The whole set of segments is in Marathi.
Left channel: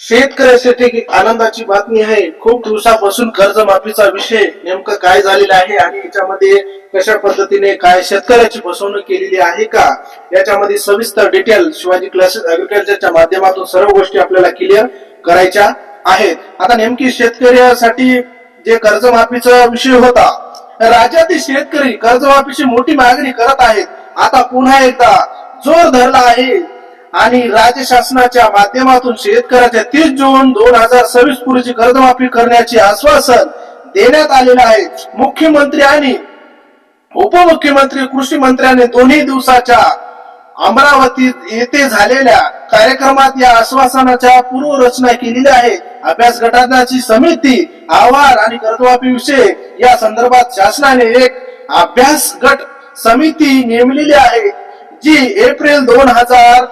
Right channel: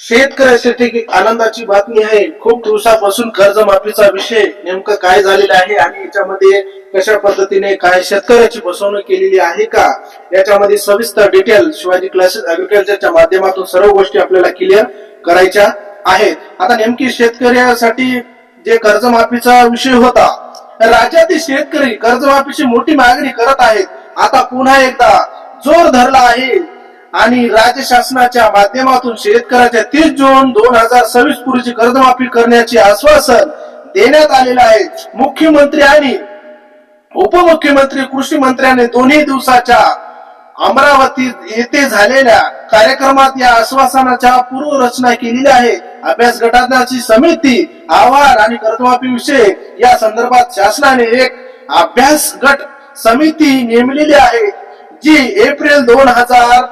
शेतकऱ्यासाठी आनंदाची बातमी आहे. खूप दिवसापासून कर्जमाफीचा विषय नेमकं काय झालेला आहे आणि याच्यामध्ये कशा पद्धतीने काय शेतकऱ्याची फसवणूक केलेली आहे का? याच्यामध्ये सविस्तर डिटेल शिवाजी क्लासेस अग्रिकल्चरच्या माध्यमातून सर्व गोष्टी आपल्याला क्लिअर करायच्या आहेत. आता नेमकी शेतकऱ्यासाठी जे कर्जमाफीचा विषय होता राज्यातील शेतकरी कर्जमाफीची मोठी मागणी करत आहेत. आता पुन्हा एकदा जोर धरला आहे. आणि राज्य शासनाच्या माध्यमातून शेतकऱ्याच्या तीस जून दोन हजार सव्वीस पूर्वीची कर्जमाफी करण्याचे आश्वासन देण्यात आलेलं आहे. मुख्यमंत्री आणि उपमुख्यमंत्री कृषी मंत्र्यांनी दोन्ही दिवसाच्या अमरावती येथे झालेल्या कार्यक्रमात या आश्वासनाच्या पूर्वरचना केलेली आहे. अभ्यास गटाची समिती अहवाल आणि कर्जमाफी विषय या संदर्भात शासनाने एक अभ्यास गट समिती नेमलेली आहे जी एप्रिल दोन हजार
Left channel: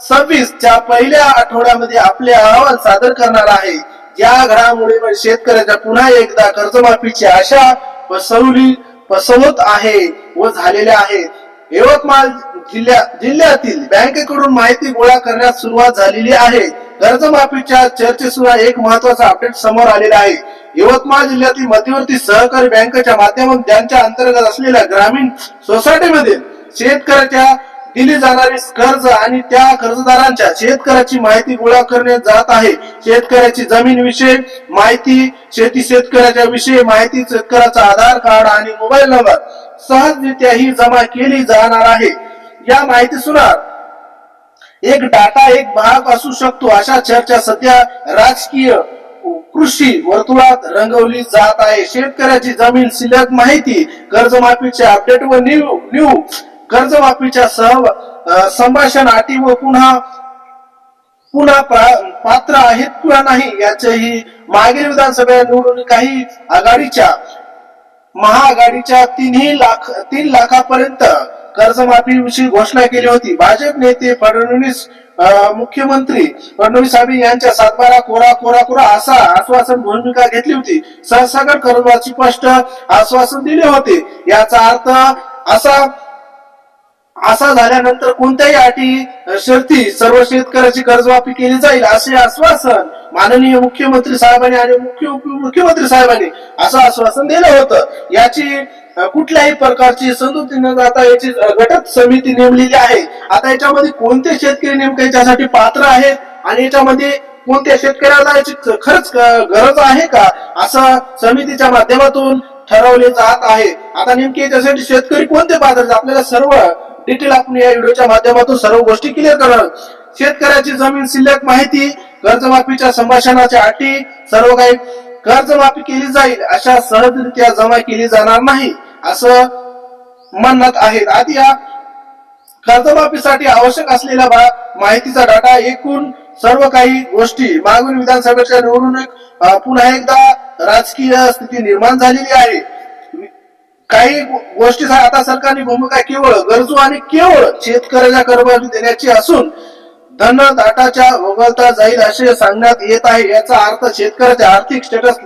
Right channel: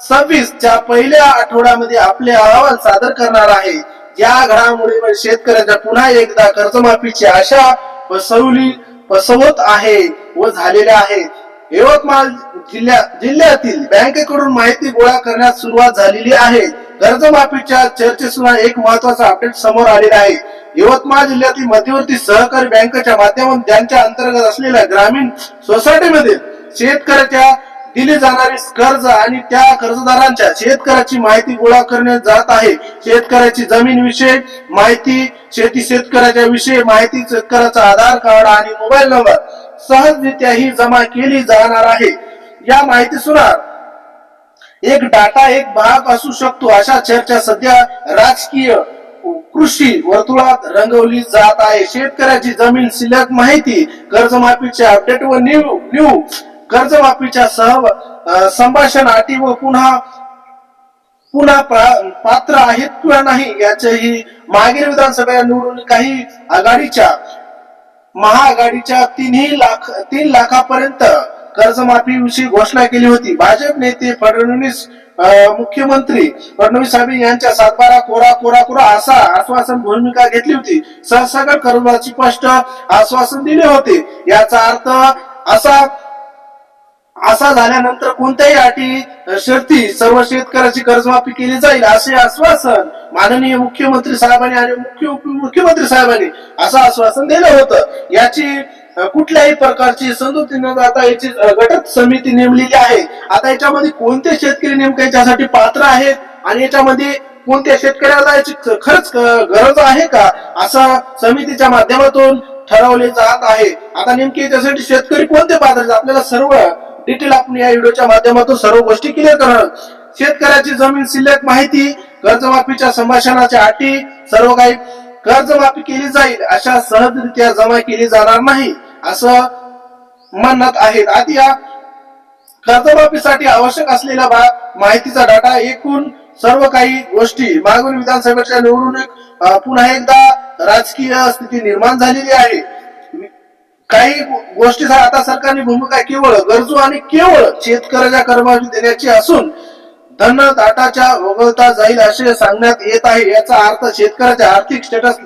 सव्वीस च्या पहिल्या आठवड्यामध्ये आपले अहवाल सादर करणार आहे. या घडामोडीवर शेतकऱ्यांच्या पुन्हा एकदा कर्जमाफीची आशा पसवली पसवत आहे व झालेल्या आहे. यवतमाळ जिल्ह्या जिल्ह्यातील बँकेकडून माहिती गोळा करण्यास सुरुवात झालेली आहे. कर्जमाफीच्या चर्चेसुद्धा एक महत्त्वाचा अपडेट समोर आलेला आहे. यवतमाळ जिल्ह्यातील मध्यवर्ती सहकारी बँकेच्या माध्यमातून त्यांच्या अंतर्गत असलेल्या ग्रामीण सोसायटीमध्ये शेतकऱ्याच्या दिली जाणारी कर्ज आणि त्या कर्जदारांच्या शेतकऱ्याची माहिती गोळा करणे जात आहे. शेतकऱ्याची जमीन विषय माहिती शेती शेतकऱ्याच्या विषयी माहिती शेतकऱ्याचा आधार कार्ड आणि मोबाईल नंबर सहजरित्या ही जमा केली जाणार आहे. या माहिती सुनार एक डाटा एक भाग असू शकतो. अशा चर्चा सध्या राजकीय कृषी वर्तुळात रंगवली जात आहे. शेतकऱ्याची जमीन शिल्लक माहिती कर्जमाफीचे अपडेट व न्यू न्यू कर्जमाफीच्या सह संभाषण अटी व पुन्हा पुन्हा पात्र आहेत किंवा नाही याचेही मागील विधानसभा निवडून काही आघाडीच्या महाआघाडीच्या तीनही लाख तीन लाखापर्यंत कर्जमाफी विषयी घोषणा केली होती. भाजप नेते फडणवीस मुख्यमंत्री फडणवीस साहेब यांच्या सातबारा कोरा कोरा कोरा असा आश्वासन भूमिका घेतली होती. सहसागर कर्जाची स्पष्ट आश्वासन दिले होते. याचा अर्थ असा असा झाल्यानंतर कोणत्याही अटी शर्ती सर्व शेतकऱ्याची कर्जमाफी केली जाईल असे आश्वासन माननीय मुख्यमंत्री साहेबांनी आणि मुख्य उपमुख्यमंत्री साहेबांनी असं आश्वासन दिलं होतं. याची कुठल्याही प्रकारची समजुती न जाता याची अ, गटक समिती नेमलेली आहे. आता याच्यामध्ये कोणते शेतकरी नेमके याच्यासाठी पात्र आहेत आणि याच्यामध्ये कोणत्या शेतकऱ्याला याची खरंच गरज आहे का असं समितीच्या माध्यमातून ठरवले जात आहे. आता नेमके याच्यासाठी शेतकरी कोणते पात्र आपल्याला सर्व डिटेल आपण या व्हिडिओच्या माध्यमातून सर्व गोष्टी क्लिअर करणार शेतकऱ्याची जमीन शिल्लक माहिती कर्जमाफीच्या संभाषणाच्या अटी सर्व काही कर्जमाफी केली जाईल अशा सहजरित्या जमा केली जाणार नाही असं म्हणत आहेत. आधी या कर्जमाफीसाठी आवश्यक असलेल्या माहितीचा डाटा एकूण सर्व काही गोष्टी. मागून विधानसभेच्या निवडणूक पुन्हा एकदा राजकीय स्थिती निर्माण झालेली आहे. काही गोष्टी आता सरकारने भूमिका केवळ गरजू आणि केवळ शेतकऱ्याच्या कर्मचारी देण्याची असून धन दाटाच्या वगळता जाईल असे सांगण्यात येत आहे. याचा अर्थ शेतकऱ्याचे आर्थिक स्टेटस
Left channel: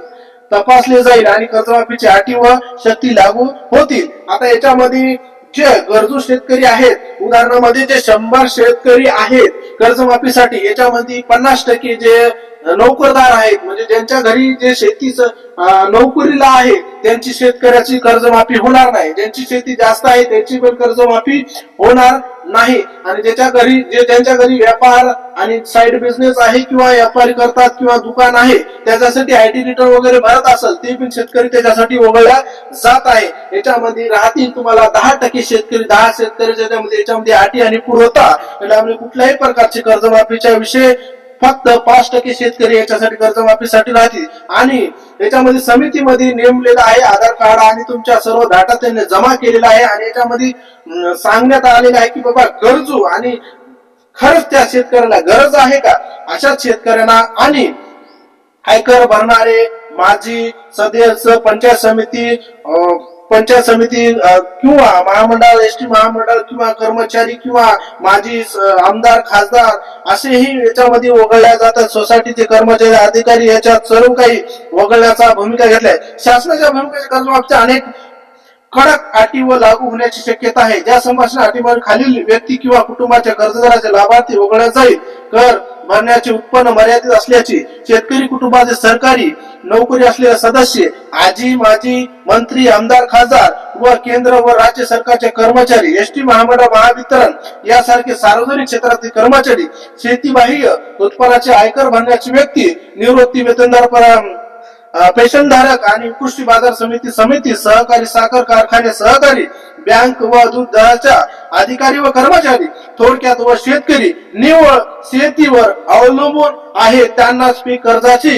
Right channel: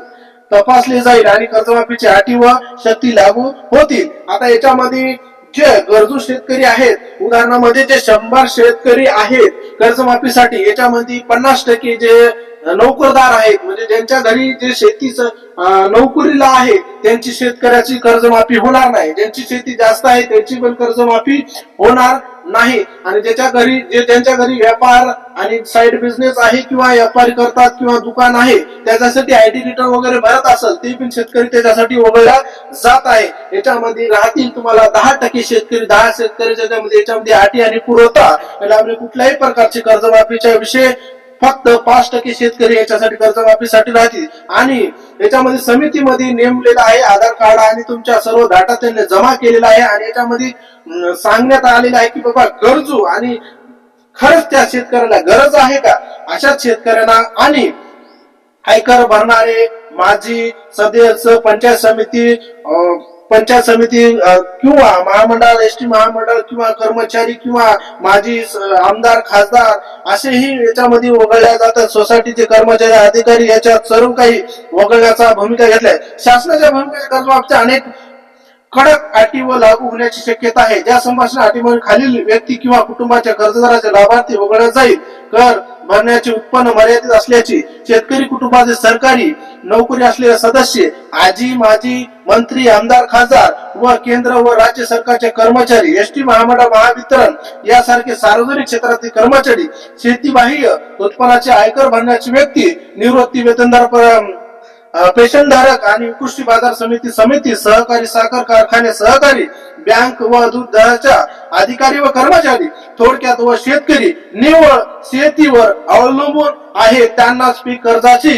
तपासले जाईल आणि कर्जमाफीची अटी व शक्ती लागू होतील. आता याच्यामध्ये जे गरजू शेतकरी आहेत उदाहरणामध्ये जे शंभर शेतकरी आहेत कर्जमाफीसाठी याच्यामध्ये पन्नास टक्के जे नोकरदार आहेत. म्हणजे ज्यांच्या घरी जे शेतीचं नोकरीला आहे त्यांची शेतकऱ्याची कर्जमाफी होणार नाही. ज्यांची शेती जास्त आहे त्यांची पण कर्जमाफी होणार नाही. आणि ज्याच्या घरी जे त्यांच्या घरी व्यापार आणि साईड बिझनेस आहे किंवा व्यापारी करतात किंवा दुकान आहे त्याच्यासाठी आयटी रिटर्न वगैरे भरत असेल ते पण शेतकरी त्याच्यासाठी वगळला जात आहे. याच्यामध्ये राहतील तुम्हाला दहा टक्के शेतकरी दहा शेतकरी याच्यामध्ये याच्यामध्ये अटी आणि पुरवता याच्यामध्ये कुठल्याही प्रकारचे कर्जमाफीच्या विषय फक्त पाच टक्के शेतकरी याच्यासाठी कर्जमाफीसाठी राहतील. आणि याच्यामध्ये समितीमध्ये नेमलेला आहे आधार कार्ड आणि तुमच्या सर्व डाटा त्यांनी जमा केलेला आहे. आणि याच्यामध्ये सांगण्यात आलेलं आहे की बाबा गरजू आणि खरंच त्या शेतकऱ्याला गरज आहे का? अशाच शेतकऱ्यांना आणि आयकर भरणारे माजी सदस्य पंचायत समिती अं, पंचायत समिती किंवा महामंडळ एस टी महामंडळ किंवा कर्मचारी किंवा माजी आमदार खासदार असेही याच्यामध्ये वगळल्या जातात. सोसायटीचे कर्मचारी अधिकारी याच्यात सर्व काही वगळण्याचा भूमिका घेतलाय. शासनाच्या भूमिकेच्या कर्जबाबतच्या अनेक कडक अटी व लागू होण्याची शक्यता आहे. ज्या संभाषण अटीमध्ये खालील व्यक्ती किंवा कुटुंबाच्या कर्जदाराचे लाभार्थी वगळल्या जाईल कर भरण्याचे उत्पन्न मर्यादित असल्याचे शेतकरी कुटुंबाचे सरकारी नोकरी असलेले सदस्य आजी माजी मंत्री आमदार खासदार व केंद्र व राज्य सरकारचे कर्मचारी एस टी महामंडळ महावितरण यासारखे सार्वजनिक क्षेत्रातील कर्मचारी शेतीबाह्य उत्पन्नाचे आयकर भरण्याची व्यक्ती निवृत्ती वेतनदार पेशनधारक आणि कृषी बाजार समिती समिती सहकारी साखर कारखाने सहकारी बँक व दूध दराच्या अधिकारी व कर्मचारी थोडक्यात व शेतकरी निव्वळ शेतीवर अवलंबून आहे. त्यांनाच पीक कर्जाची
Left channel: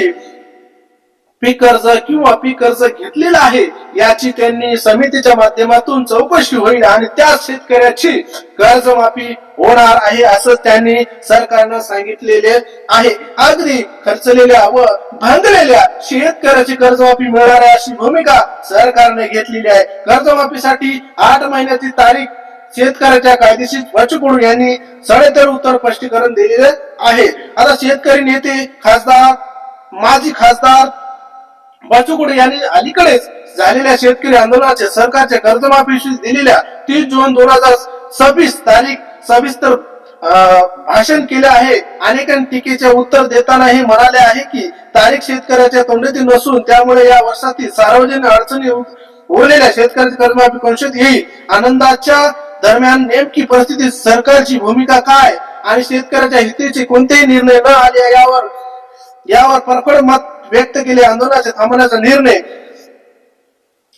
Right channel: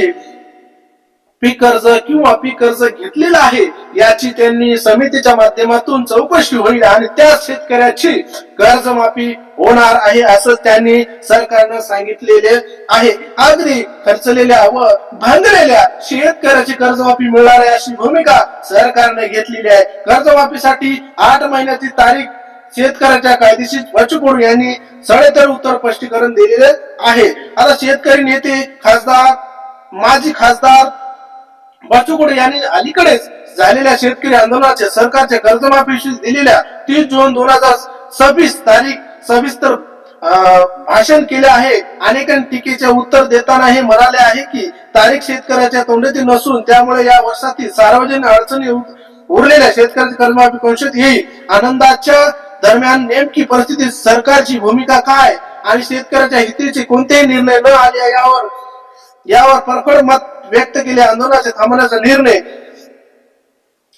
पीक कर्ज किंवा पीक कर्ज घेतलेलं आहे याची त्यांनी समितीच्या माध्यमातून चौकशी होईल आणि त्या शेतकऱ्याची कर्जमाफी होणार आहे असं त्यांनी सरकारनं सांगितलेले आहे. अगदी खर्चलेल्या व भांगलेल्या शेतकऱ्याची कर्जमाफी मिळणार आहे अशी भूमिका सरकारने घेतलेली आहे. कर्जमाफीसाठी आठ महिन्याची तारीख शेतकऱ्याच्या कायदेशीर बच्चू यांनी सडेतर उत्तर स्पष्टीकरण दिलेले आहे. आता शेतकरी नेते खासदार माजी खासदार बच्चू यांनी अलीकडेच झालेल्या शेतकरी आंदोलनाच्या सरकारच्या कर्जमाफीशी दिलेल्या तीस जून दोन हजार सव्वीस तारीख सविस्तर भाषण केले आहे. अनेकांनी टीकेचे उत्तर देताना हे म्हणाले आहे की तारीख शेतकऱ्याच्या तोंडातील नसून त्यामुळे या वर्षातील सार्वजनिक अडचणी उरलेल्या शेतकऱ्याची कर्जमाफी कंशात येईल. आनंदाच्या दरम्यान नेमकी परिस्थितीत सरकारची भूमिका काय आणि शेतकऱ्याच्या हितेचे कोणतेही निर्णय न आले यावर यावर परखड मत व्यक्त केले आंदोलनाचे थांबवण्याचा निर्णय.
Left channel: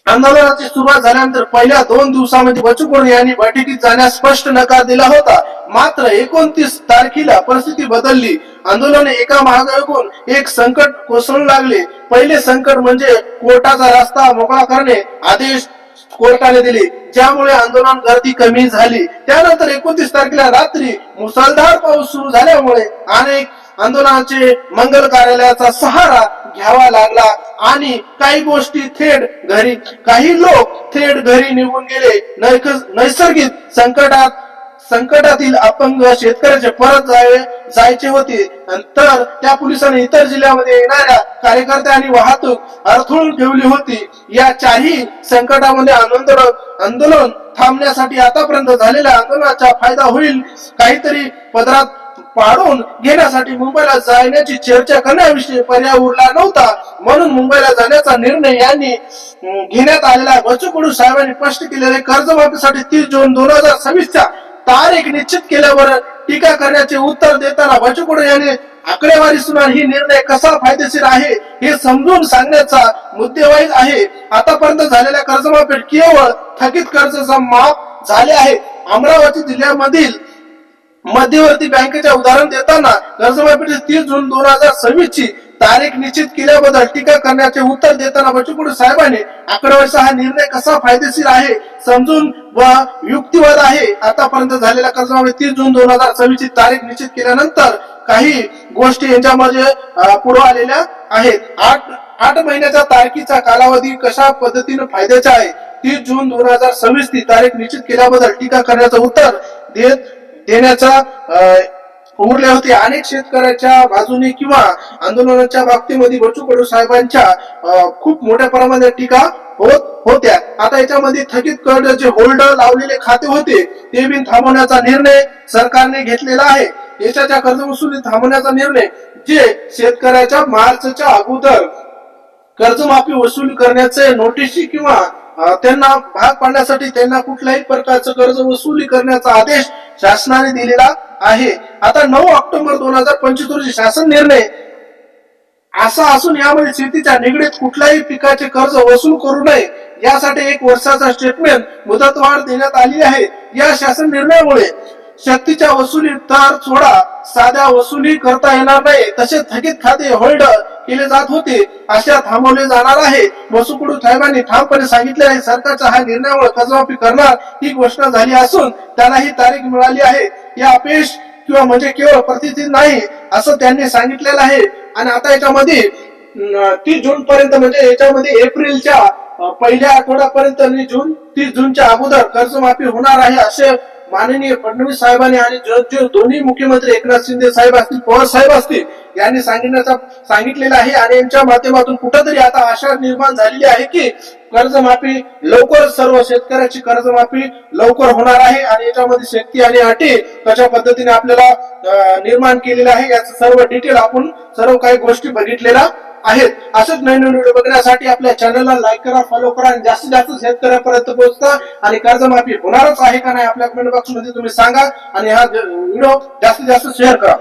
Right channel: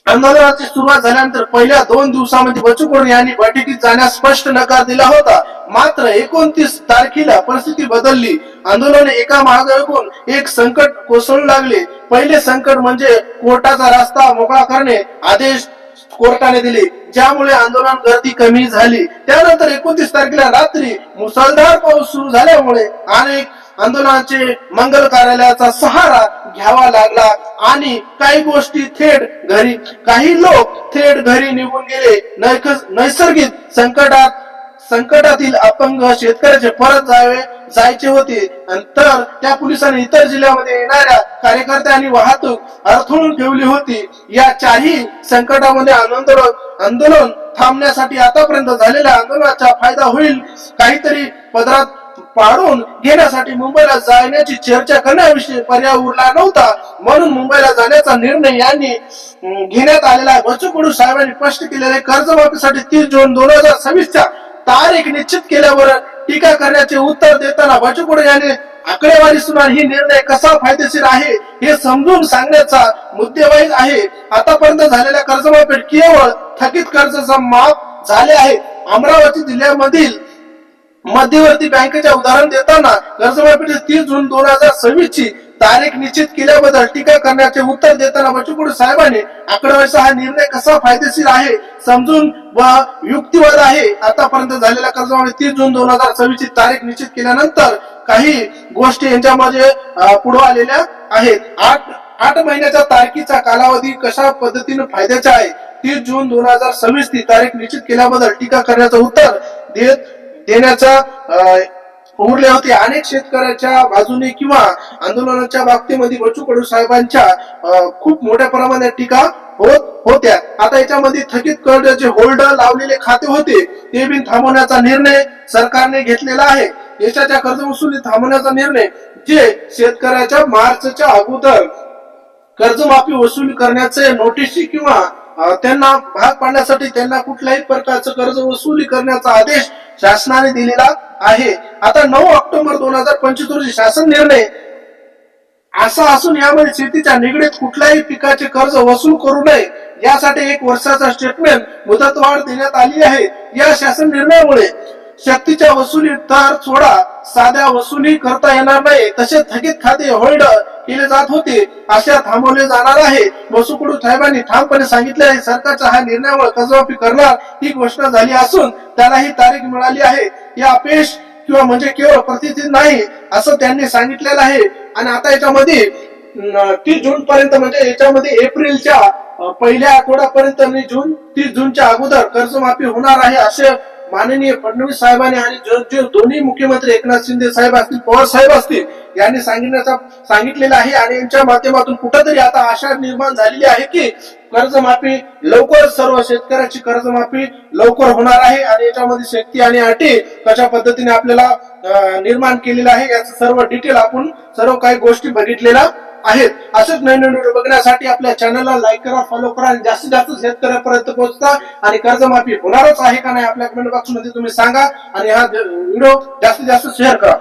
आंदोलनाची सुरुवात झाल्यानंतर पहिल्या दोन दिवसामध्ये बच्चू यांनी बैठकीत जाण्यास स्पष्ट नकार दिला होता. मात्र एकोणतीस तारखेला परिस्थिती बदलली. आंदोलन एका मागून एक संकट कोसळू लागले. पहिले संकट म्हणजे कोर्टाचा रस्ता मोकळा करणे आदेश कोर्टाने दिले ज्यामुळे आंदोलन गर्दी कमी झाली. त्यानंतर एकोणतीस तारखेला रात्री मुसळधार पाऊस सुरू झाल्यामुळे अनेक आंदोलनाचे मंगल कार्यालयाचा सहारा घ्यावा लागला आणि काही गोष्टी थेट घरी काही लोक थेट घरी निघून गेले. नैसर्गिक संकटात संकटातील अपंग शेतकऱ्याचे परत जावे जायचे होते. तर त्या पोलिसांनी इतर जिल्ह्यामध्ये येणाऱ्या कार्यकर्ते आणि वाहतूक अडथळून ठेवली होती. या चारही संकटामध्ये आंदोलन आंदोलन थांबण्यासाठी आतापर्यंत झालेल्या आंदोलनाचा फायदा होईल. काहीतरी पदरात पाडून घेण्यासाठी मुंबईला जाण्याची चर्चा करण्याविषयी पर्याय उरला नव्हता. म्हणून मुंबईला जाण्याचा निर्णय यांनी घेण्यात आलेला आहे. बच्चू कडू साहेबांनी स्पष्ट केलेले कर्जमाफीसाठी तीस जून दोन हजार सव्वीसच्या तारीख निश्चित केल्यावर टीका करण्याचे उत्तर देताना बच्चू कडू यांनी आकडेवारी सुनार ही निर्णय कसा फायदेशीर आहे हे समजून सांगण्याचा मुद्देवाईज आहे. आतापर्यंत झालेल्या कर्जमाफीत केवळ थकीत कर्जाचा माफ झाले आहे. अमरावती जिल्ह्यामधील मध्यवर्ती बँकेचे उदाहरण देताना कर्जमाफीची तीस जून दोन हजार सव्वीस ची तारीख निश्चित केल्याबद्दल टीका करण्याचे उत्तर देताना बच्चू साहेबांनी आकडेवारीचा हा निर्णय कसा फायदेशीर आहे समजून व युक्तिवाद आहे आतापर्यंत झालेल्या कर्जमाफी तीस जून दोन हजार सव्वीस ची तारीख निश्चित केल्यानंतर काही गोष्टी यांच्यामध्ये पुढे आलेल्या आहेत. आठ आठ महिन्याच्या तारखेचा कालावधी कशा पद्धतीने फायद्याचा आहे? तीस जून दोन हजार सव्वीस ती तारीख निश्चित केल्याबद्दल टीका करण्याचं उत्तर देत देण्याचा उरले होते. अनेक शेतकऱ्याच्या बाजूने किंवा आंदोलनाच्या बाबतीमध्ये बच्चू कडू साहेबांच्या खूप मोठ्या प्रमाणात टीका होत होत्या. आता याच्यामध्ये थकीत कर्ज जे होल्डर लावलेले खाते होते ते बिन थांबवण्याचा निर्णय सरकारने घेतलेला आहे. देशाच्या कर्ज वसुली थांबवण्याचा निर्णय जे शेतकऱ्याच्या मार्चच्या अगोदर कर्जमाफी वसूल करण्याचे नोटीसी किंवा त्यांना भाग पाडण्यासाठी त्यांना कुठल्याही प्रकारचं कर्ज वसुली करण्याचा आदेश शासनाने दिलेला आहे. आता नऊ ऑक्टोबर दोन हजार पंचवीस रोजी शासन निर्णय असा असून यामध्ये शेतीच्या निगडीत कुठल्याही पिकाचे कर्ज वसूल करू नये यासाठी एक वर्षाचा स्टेटमेंट मुदतवाढ देण्यात आली आहे. या शासन निर्णयामुळे शक्तीच्या वसुली तार सोडा. साध्या वसुली करता येणार नाही. तसे थकीत खाते होल्ड केले जात होते. अशा थांबवले जाणार आहे. वसुकुडू साहेबांनी ठामपणे सांगितले आहे सरकारच्या हा निर्णयावर कर्जमाफी करणार ही घोषणा झाली असून त्यांना ही तारीख मिळाली आहे. या अपेश किंवा म्हणजे केवळ प्रतिष्ठित नाही असं त्यांनी सांगितलेलं आहे. आणि आता याच्यामध्ये तीस जून पर्यंत म्हणजे याच्यामध्ये एप्रिलच्या पहिल्या आठवड्यापर्यंत जून तीस जूनच्या अगोदर कर्जमाफी होणार आहे असे माननीय फडणवीस साहेबांनी आणि जो जो दोन्ही मुख्यमंत्री एकनाथ शिंदे साहेब असतील पवार साहेब असतील यांनी सांगण्याचा सांगितलेलं आहे आणि यांच्या माध्यमातून कुठंतरी आता आशा निर्माण झालेली आहे की कर्जमाफी लवकर सर्व शेतकऱ्याची कर्जमाफी लवकर होणार आहे आणि याच्यामध्ये शक्ती आणि अटी कशा पद्धतीने आपल्याला निर्माण केलेलं आहे याचं सर्व डिटेल आपण सर्व काही गोष्टी बघितलेल्या आहेत. असंच नवीन व्हिडिओ बघण्यासाठी आपल्या चॅनलला लाईक करा फॉलो करा आणि जास्तीत जास्त शेतकऱ्यापर्यंत पोहोचता आणि कर्जमाफी होणारच आहे का नाही आपल्या कमेंट बॉक्समध्ये तुम्ही सांगा आणि हा व्हिडिओ जास्तीत जास्त शेअर करा.